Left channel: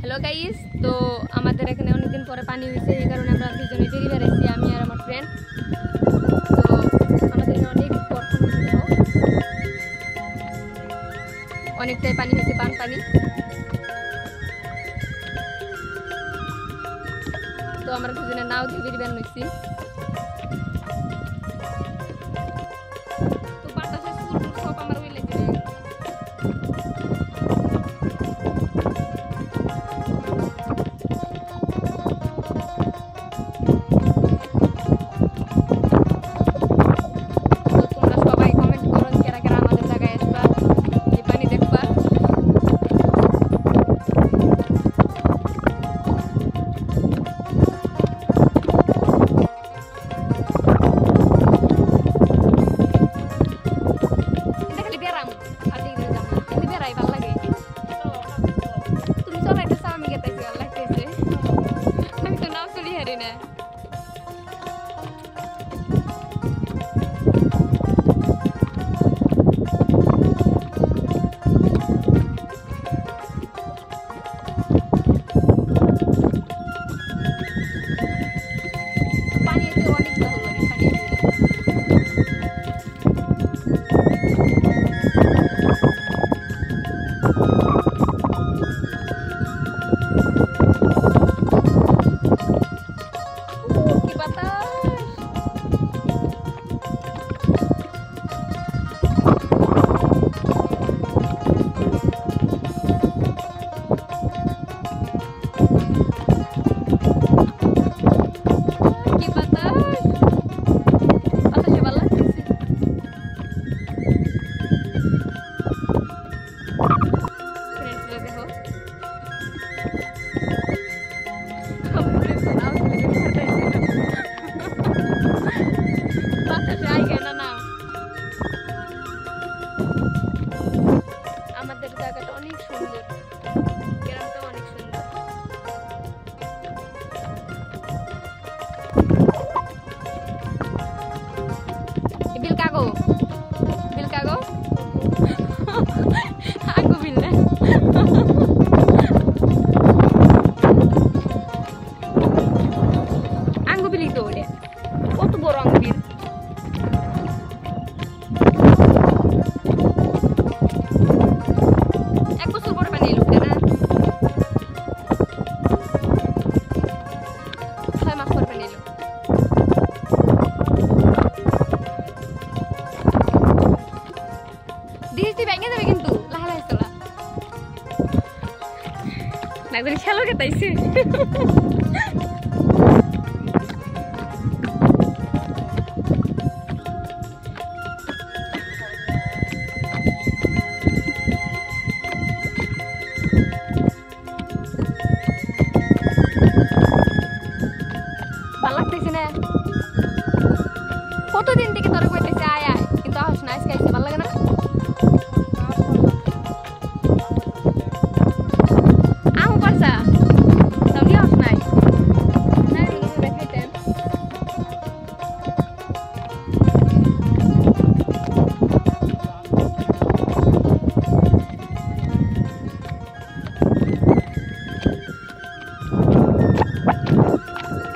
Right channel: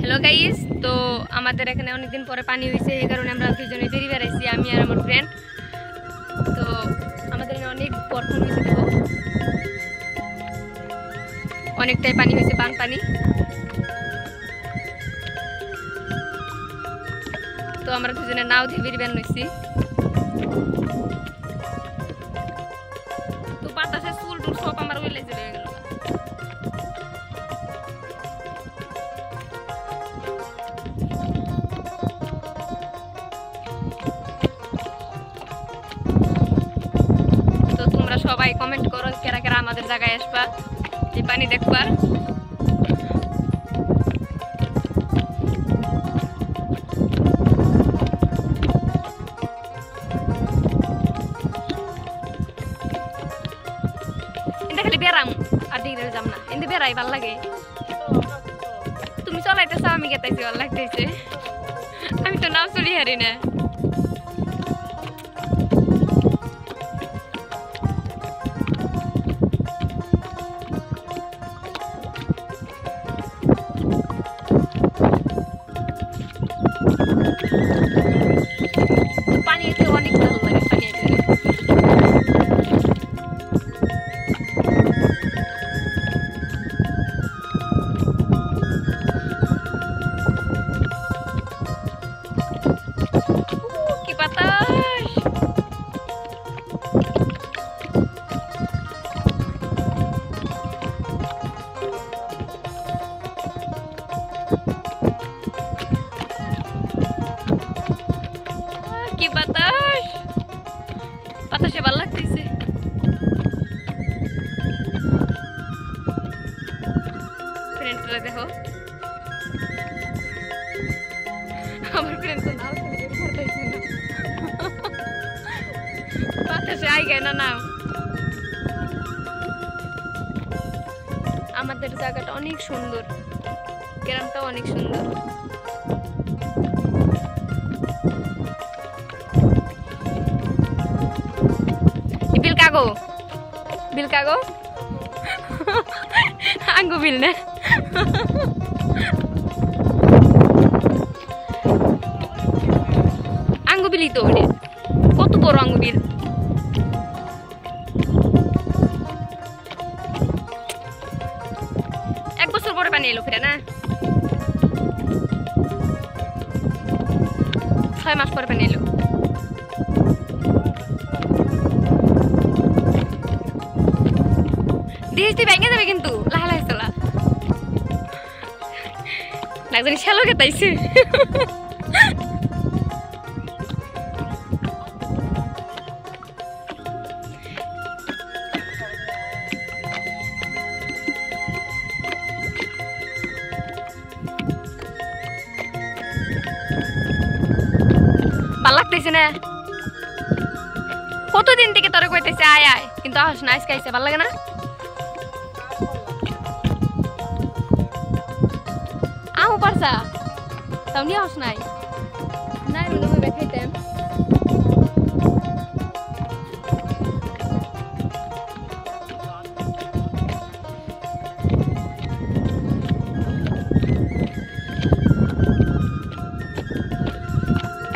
Hello guys, তো আমাদের এখানে অনেকদিন পরে পানি হয়েছে, এই কারণে আমরা দুজনে বেরিয়ে বেড়াইছি, আমি আর আমার ফ্রেন্ড। তো আমাদের এখানে অনেক বর্ষণ হয়েছে, অনেকটাই পানি হয়েছে, পানি। তো আমরা দুজনে নাও দিয়ে বেরিয়ে বেড়াইছি। তো বাতাসে চুল টুল সব আমার উইলে চলে গেল। তো তোমরা সবাই কমেন্ট করো কেরা কেরা আমাদের জায়গায় আসবা, এই পানি দেখবার। বেড়াম আর দিকে যাম না, কিন্তু বেড়াই ভাল লাগে। তুমি চলাইতেছ, আমি গেতাইছি, ভাল লাগতেছে। আমি তো নাও চলি হারি না। পানি এতে অনেক ভালো লাগে, পানি কি বাতাস। কি বাতাস, বাতাসে ভালো লাগতেছে। ফ্রেন্ডরা দেখো, আমার ফ্রেন্ড তো নাও বাতাসে আই গায় না। আমাদের জায়গাটা অনেক সুন্দর, গ্রামটা অনেক সুন্দর। বিল কাগো, বিল কাগো, আঙ্গু বিল না। আঙ্গু বিলি তো ওরে, কত বড় আঙ্গু বিল। এক বছর পরে পানি এলো না, 6 মাস পরে পানি এলো। দিয়েছি ভেঙে যাবে কিন্তু, লাহা লাহে চলা একজন শ্যালো খেতাইছে। ভাল লাগতেছে না, কতদিন থেকে তোরে কইতেছে আয় আয়, কিন্তু আস না, আজকে আইছে, ভাল লাগে না। আও পারছা তাও দিয়ে আস নাই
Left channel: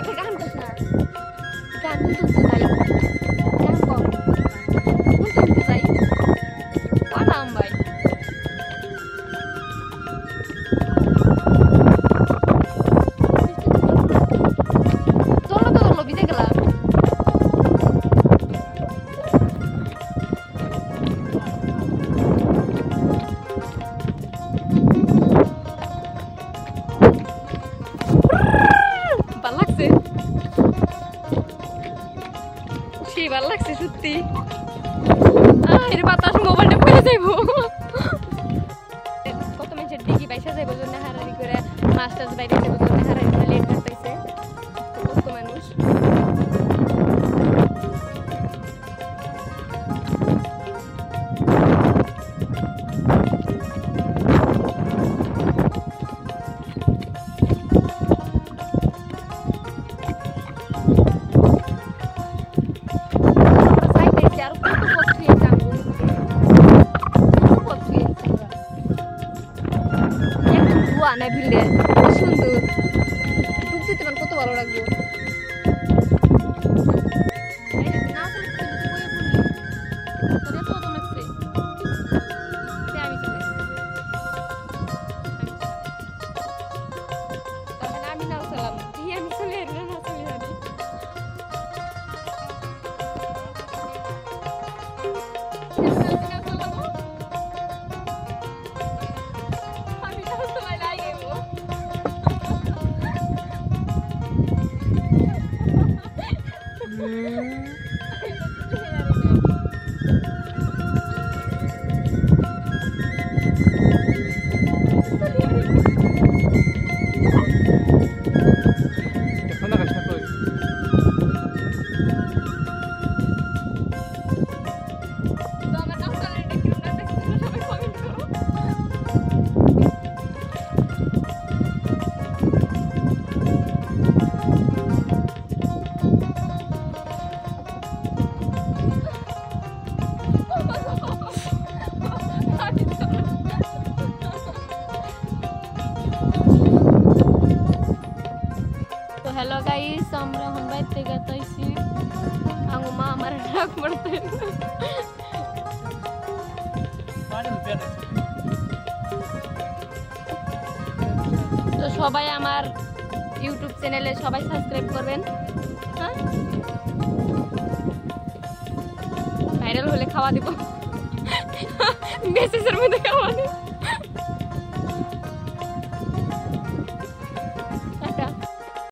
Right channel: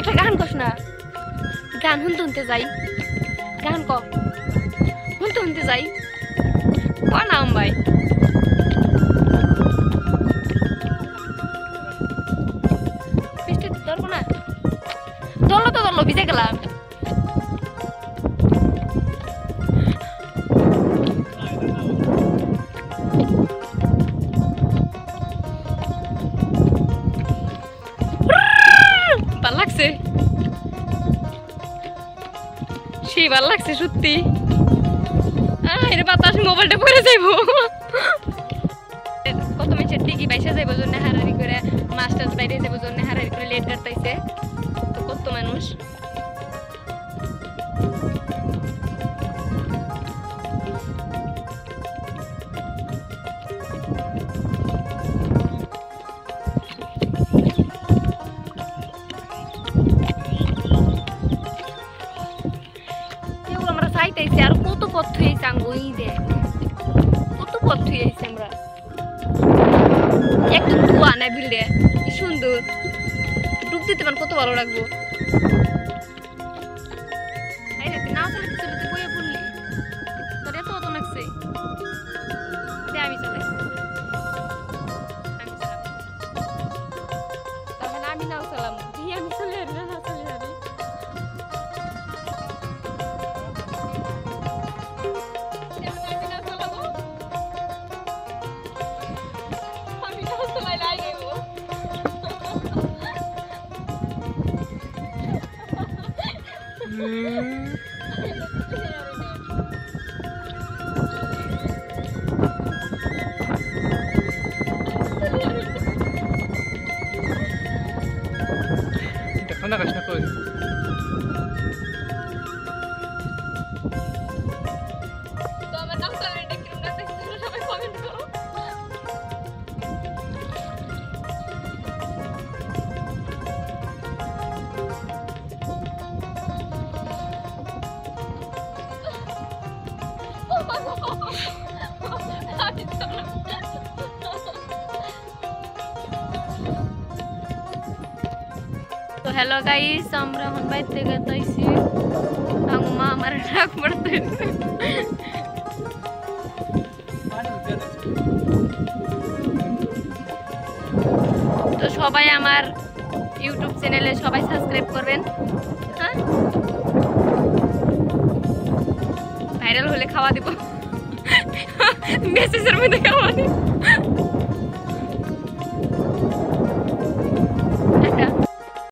একটা গান কস না, গান শুনতে যাই, গান কম শুনতে যাই নাম ভাই। দলো ভিজে গেলাম। ভাল লাগছে, সেই ভাল লাগছে সত্যি। এর বাতাস মোবাইলটা পড়ে যাইব, কত মেয়েছে টিকি বাইসা যাইব জন্য হারারি করে, মাছ টাছ বাইরে যাইব জন্য হারারি করে লেট কাটতেছে কত মানুষ। আমরা চাইতেছি আর কত পথ হয়ে যাবো, কত পথ হয়ে একদম ধোয়া না বিলটা কি সুন্দর ডুব দিতে পারেন কত ভালো লাগবো এই রে না চলে চলে বইয়ে পড়লি তোর এত তো লাগছে দে আমি চলে তাহলে আমি নাও চলাম দিয়ে আমি চলে এলাম না চলে যাবি দেখো না কাজটা কই তো আমার নাম চলে এটা কি না দেখতে সবাই কমেন্ট করো তো হ্যালো গাইস আমরা এখন বাইরে থেকে যাইছি আমার মা আমার ডাক পড়তে তো সবাই আমার ইউটিউব চ্যানেলে সবাই সাবস্ক্রাইব করবেন হ্যাঁ ভাইরাল হলে খাওয়া দিব মেসেজের মধ্যে খাওয়া দিব